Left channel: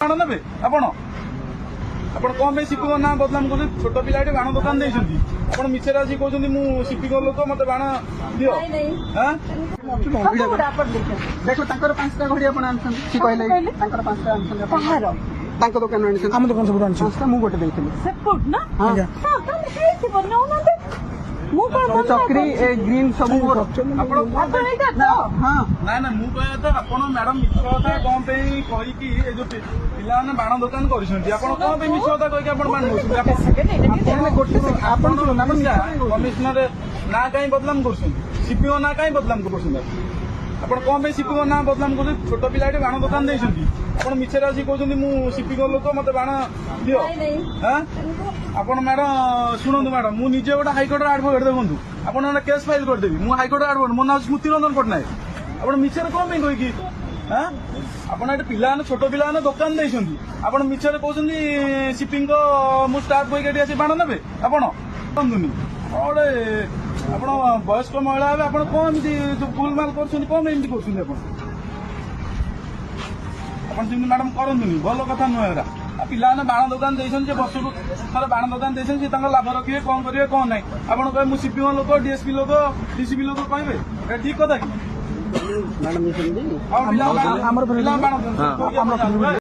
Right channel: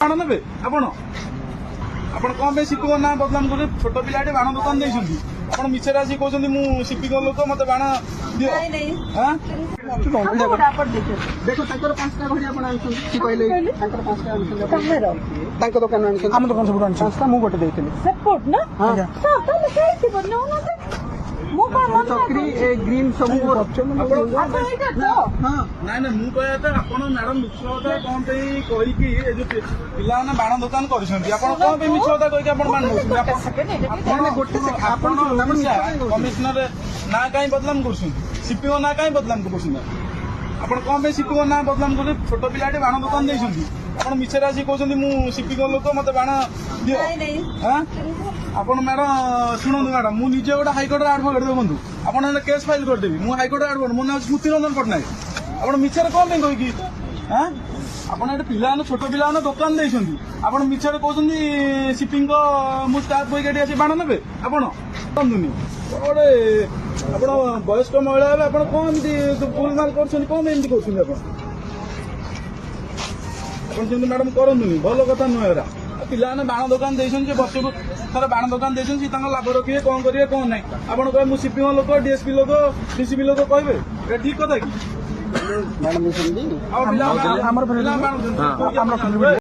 बाण ने आपण ଆପଣ କଣ ପାଇଁ ସିପିଙ୍କ ନାଁ ବଦନାମ କରୁଛନ୍ତି? ଛୋଟ ପିଲାଟେ ବାଣ ଦୋକାନ ଦେଇଛନ୍ତି, ଆପଣ ମିଛରେ ଆସି କହୁଛନ୍ତି ମୁଁ ସିପିଙ୍କ ଲୋକ ମତେ ବାଣ ଦିଅ। ଦେଖ ତାଙ୍କର 5ଟା ଘଡ଼ି ଆପଣ ଆଣିଛନ୍ତି କହିଲେ ତାଙ୍କର 5ଟା ଆଣିଛନ୍ତି ତାଙ୍କ ଦୋକାନ ଆଣିଛନ୍ତି ଆମ ଦୋକାନ ସବୁ ଆଣିଛନ୍ତି ମୁଁ ଗୋଟେ ଦେଇଥିଲି ଚକ୍ରି ଗ୍ରୀନ୍ ସବୁ ନାଇଁ ନାଇଁ ମୁଁ କହିବା କଥା ଆପଣ ମ୍ୟାଡମ ମିଛ କଥା କଣ ପାଇଁ କହିକି ଏ ଯୋଉ ପିଲାମାନେ ବାଣ ଦୋକାନ କରିଛନ୍ତି ଆପଣ କଣ ପାଇଁ ମିଛ କଥା କହିକି ଆପଣ ବାଣ କମିଶନର ନାଁ କାହିଁ ବଦନାମ କରୁଛନ୍ତି? ସିପିଓ ନାଁ କାହିଁ ବଦନାମ କରୁଛନ୍ତି? ଆପଣ କଣ ପାଇଁ ସିପିଓ ନାଁ ବଦନାମ କରୁଛନ୍ତି? ଛୋଟ ପିଲାଟେ ବାଣ ଦୋକାନ ଦେଇଛନ୍ତି, ଆପଣ ମିଛରେ ଆସି କହୁଛନ୍ତି ମୁଁ ସିପିଙ୍କ ଲୋକ ମତେ ବାଣ ଦିଅ। ଆପଣ ମ୍ୟାଡମ ଶୁଣନ୍ତୁ ମ୍ୟାଡମ ମୁଁ ନିଜେ ଗୋଟେ ହାଇକୋର୍ଟର ଆଡଭୋକେଟ ଦେଖନ୍ତୁ ଆପଣ କେସ୍ ଫାଇଲ କରିଦେବି ମୁଁ ହାଇକୋର୍ଟର ଆଡଭୋକେଟ ମୋ ନାଁ ସ୍ମୃତି ରଞ୍ଜନ ପଟ୍ଟନାୟକ ଆପଣ ମିଛରେ କଣ ପାଇଁ କହିକି ଆପଣ ଏଠି ପିଲାମାନେ ଛୋଟ ପିଲାମାନେ ଦୋକାନ ଦେଇଛନ୍ତି ଆପଣ ମିଛରେ କହୁଛନ୍ତି ସିପିଙ୍କ ମୁଁ ଷ୍ଟାଫ କହିକି ଏଠି ଆସି ବାଣ ନେବେ ଆପଣ ଗୋଟେ ଆପଣ ବୟସ୍କ ମହିଳା ହେବେ ଆପଣ କଣ ଏମିତି ଭୁଲ ମାଲ କରୁଛନ୍ତି କଣ ଏମିତି କରୁଛନ୍ତି ଆପଣ ସେମିତି ମ୍ୟାଡମ କରନ୍ତୁନି ଭଲ କଥା ନୁହେଁ ଏରା ପିଲାମାନେ ବାଣ ଦୋକାନ ଦେଇଛନ୍ତି ବର୍ଷକୁ ଥରେ ବାଣ ଦୋକାନ ଦେଇଛନ୍ତି ସେ ତାଙ୍କ ଲାଭ ରଖିବେ କଣ କରିବେ କଣ ନାହିଁ ଆପଣ କହିବେ ମୁଁ ସିପିଓ ଲୋକ ଡିଏସପି ଲୋକ ଡିସିପି ଲୋକ କହିବେ ଠିକ କଥା କି?